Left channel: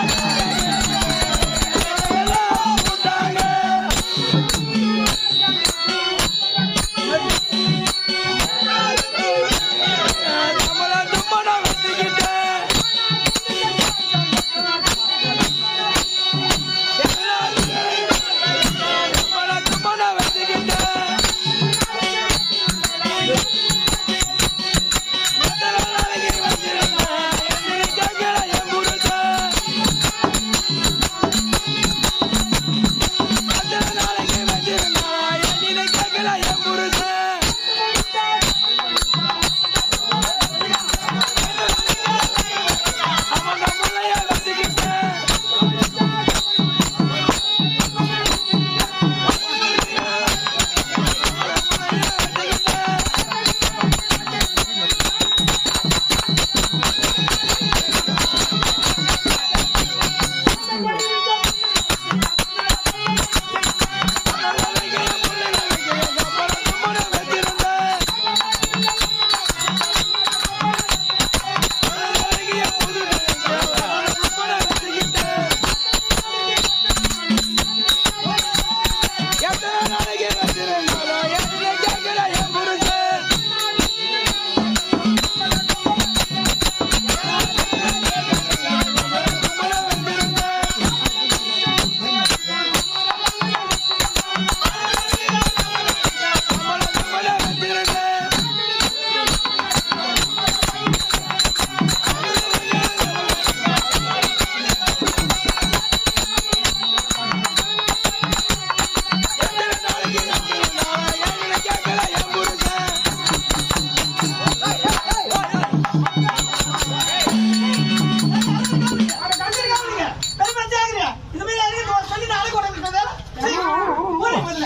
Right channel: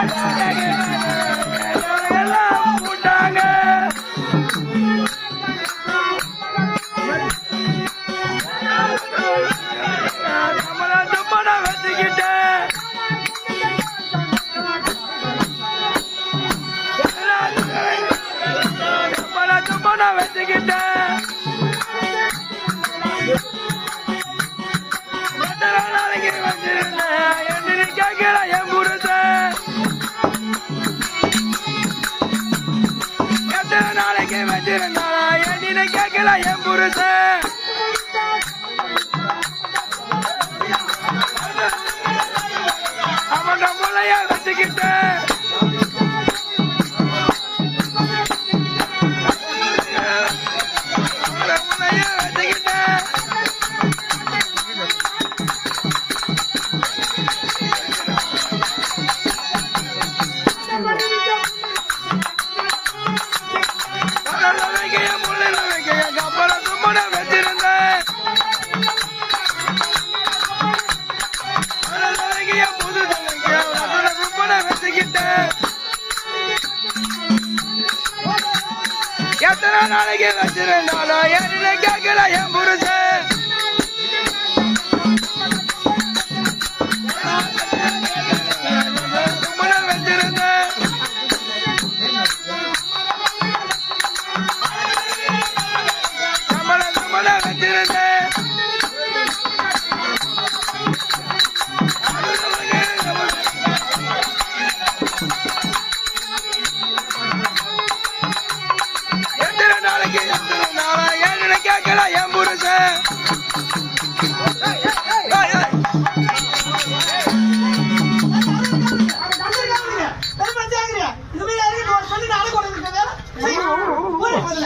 எல்லாம் என் எத்தனை நாளைக்கு வச்சிருந்தாலும் என்ன கேட்கல என் புருஷன்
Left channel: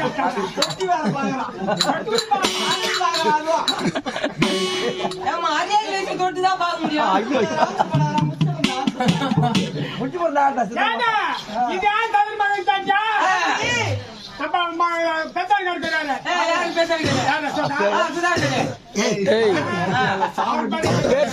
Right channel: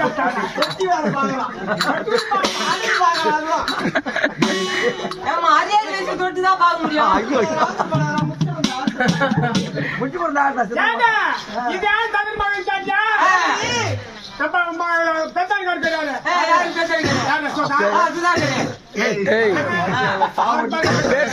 இருக்குது ஏமா அரியாதை வயசு தொட்டு தான் பார்க்க முடியும் யாரும் பேசுறீங்க அதுதான் பேர்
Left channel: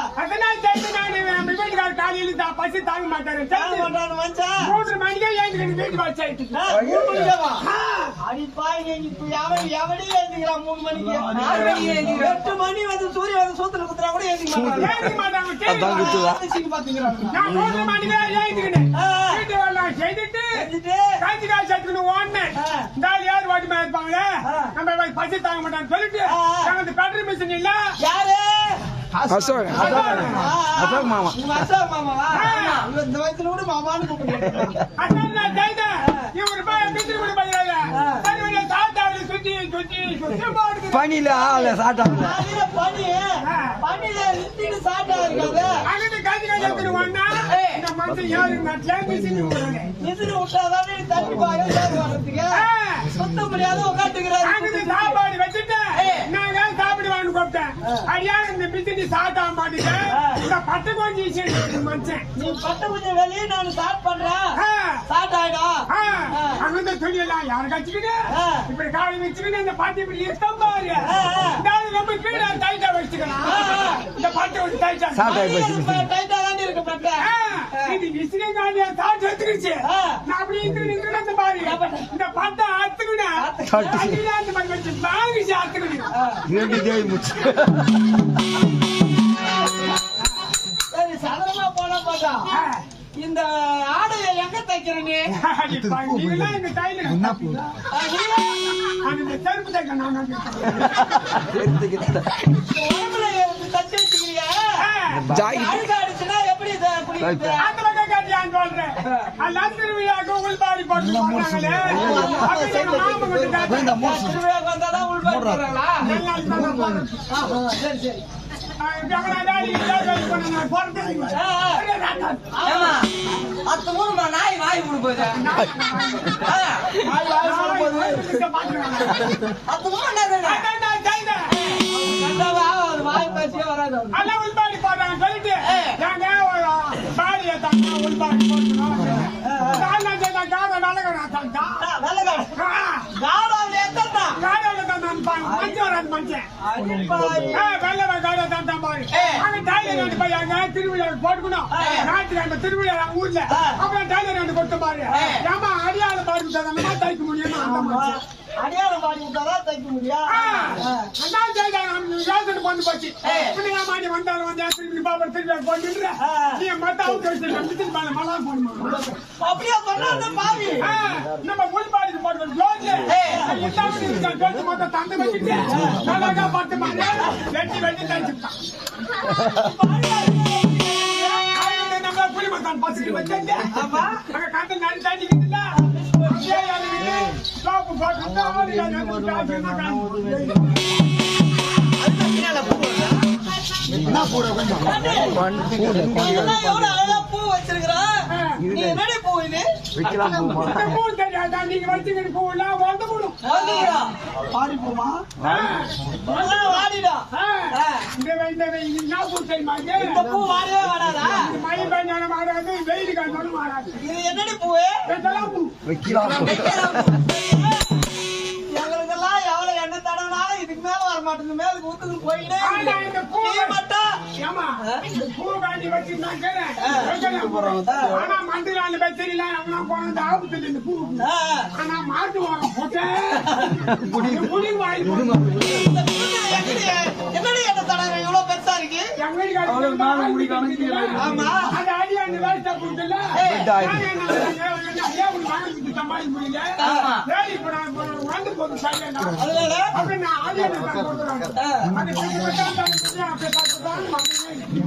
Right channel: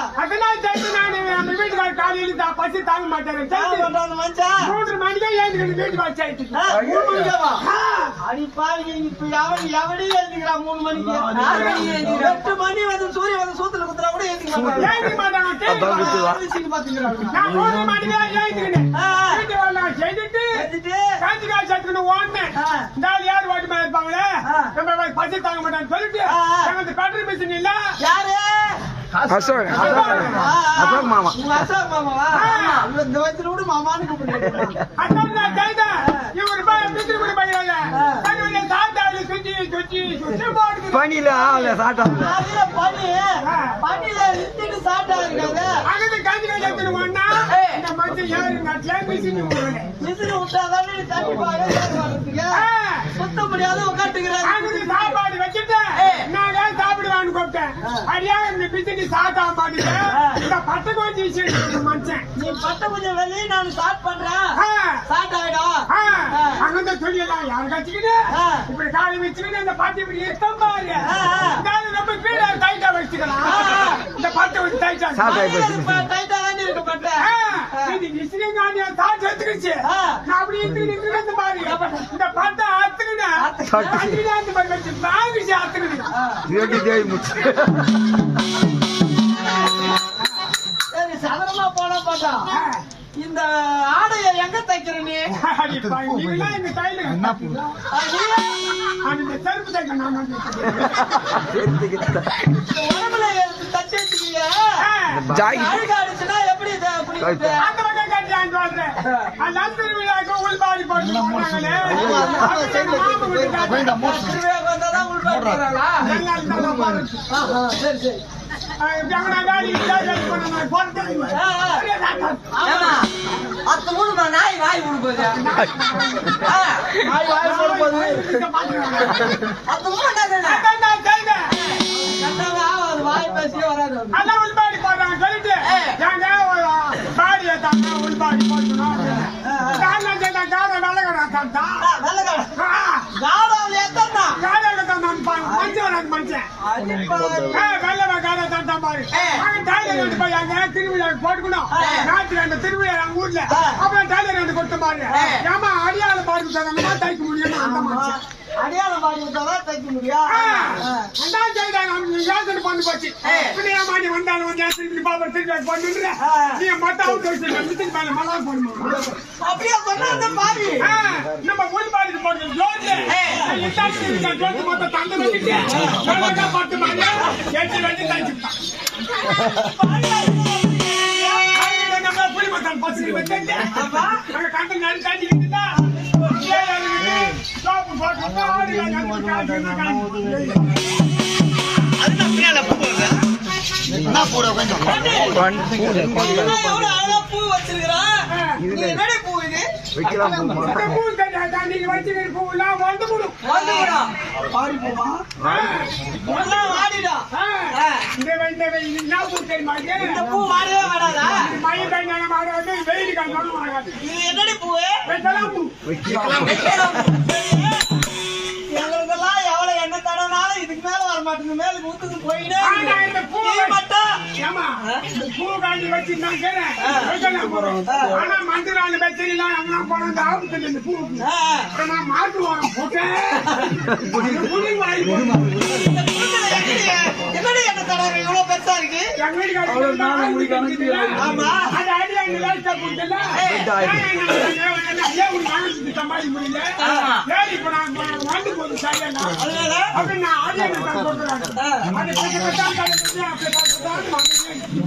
புளியா மொத்தம் போட்டு அங்கதான் புளியா மொத்தம் பசி தாங்க மாட்டாரு மூன்று மணிக்கே ஏழுக்கிட்டு வீட்டு வச்சாயிட்டு அடி பாருங்க இப்ப எவன் எவனே எழுதிக்கிறான் மூணு மணிக்கு எட்டு மணி வந்து சூரியன் வந்து சூத்துல குத்துறா கூட எழுதிக்க மாட்டாங்க பாத்துக்கிறாங்க நான் மூன்று மணிக்கே வேலை செய்துட்டு காஞ்சி காசு எடுத்துக்கணும் ஓடுனேன். இந்த ஆள் யார் வாட்டி மேல. இருப்பாங்களே. நம்ம பசி தாங்க மாட்டான்னு சொல்லிட்டு பெட்ரோல் மிஷின் இல்ல. யாரு? அசோக். அசோக் மாமா. அசோக் மாமாவா? இந்த வயசுல கூட மாமான்னு போடுது பனியில ஆள சாட்டாங்க அதுல பனி. பனியில நிறுத்திட்டு சாட்டா இருக்காது. அங்கிட்டு காஞ்சி காசு எடுத்துன்னு ஓடுனா இந்த மனுஷன் ஏழு நாட்டுல மிஷின் விசிறி விட்டாதான் நீ தண்ணி பாரு ஏறு வர்றதுக்கு சுத்த முடியாத உட்காந்துக்கிறாரு. சாப்பாடு வச்சுட்டு கூப்பிட்டேன் அடியா இந்த பிசினி சாப்பிட்டா மாட்டேன் இந்த பட்டை கொஞ்சம் மனுஷன் நீ பட்ட கொஞ்சம் வெளியே நான் ஸ்டார்ட் பண்றேன். ஸ்டார்ட் ஆயிடும் அங்கிருந்து சொல்லிடலாம். யாரு கட்சிக்கிட்டு. இப்படி காலை வச்சுக்கிட்டு இந்த பாட்டி இப்படி இருக்க பாரு. ரொம்ப கீழே டைட்டா வச்சுக்கலாம். இந்த பாட்டை வச்சு டைட்டா. டைட்டா தான் இருக்க பட்டேன் ஆ, இது விசிறி காண்டியா தாட்டு எடுத்துக்கிச்சு ஆ. நான் அப்படி இருந்து நின்று இந்த பாரு. இந்த பாட்டை தேவி சதனமா போனா இந்த ஆடையை எங்க தைக்கிற நீ எங்க செருப்பு தைக்க நான். உடம்புல தச்சு அடிச்சுன்னா எப்படி கட்டியான்னு சொல்றேன். உள்பாடி போட்டு காட்டு. திருவிழாக்கு உள்பாடு பாரு. ஆஹா, சரி சரி. நான் அத்த மூணு நாய் வாய் விடு போகுது. ஆ, வாய் வாய் போட போகுது. இங்க பாத்துக்கலாம். அத்த மூணு நான் வாய் பேசியே வராது. அது. அதான் உள்பாடி போட்டாங்க சொல்லிட்டு. ஏங்க ஒரு பாடியை வராது பாரு டைலர் போய் அங்க திருவிழாவுக்கு போட்டுக்கணும் ஞாயிற்றுக்கிழமை திருவிழா அவங்க ஊர்ல அப்புறம் டைலர் ரெண்டு கொடுத்த பாரு ஏமா அடியாள பாருக்கு தரணுமா தைக்க முடியும் அந்த மாதிரி அடையாளம் பாடி விட்டாதான் தைக்க முடியும். அதான் செய்தாங்க யோசனை பண்ணி போச்சு. இப்படி வந்தாலும் வந்து திருப்பி பாப்பர் திருப்பி நீ மத்த அவுட் வச்சு திருப்பி மேல மலா போடுமா? அப்படியே சொன்னா அந்த நம்ம உள்பாடிக்கு போடுற ஜோட்ல ஜோட்டு மொத்தம் தந்து வச்சுட்டு அழகா பத்து மாதிரி எட்டு வச்சு தைச்சுட்டான் நம்ம புலி மத்தான் பசுக்கு அங்க கண்டு நடி தண்ணிக்கிட்டுல அழகா பூ வச்சிருக்கிறா? நீ என்னடி பூ இது? இந்த பூ தெரியாதா? நீங்க இதுக்கு மேல வர மாட்டேங்குது. மேலுக்கு ஊத்துக்கு போயிட்டே இந்த. பூ மட்டும் ஏம்மா, இந்த பூ காய்ச்சி வச்சு நான். ஆனா இந்த பூ. ஆனா மாட்டு புலி என்னடி எண்ணெய் தடவை? இவ்வளவு பெருசா இருக்கு? எங்க வீட்டுக்காரர் ஆமா. அது அடியா இந்த லைட்டா கொடுத்தல ஏன் உன் மகனுக்கு சமாளி முடியல? சரி இப்ப நான் வந்து போது சரியா அதனால? அப்படி நான் ஆடியோ தான் கொடுக்குறாங்க ஆ. அது கொஞ்சம் தான் கிடைச்சு அப்படி தான்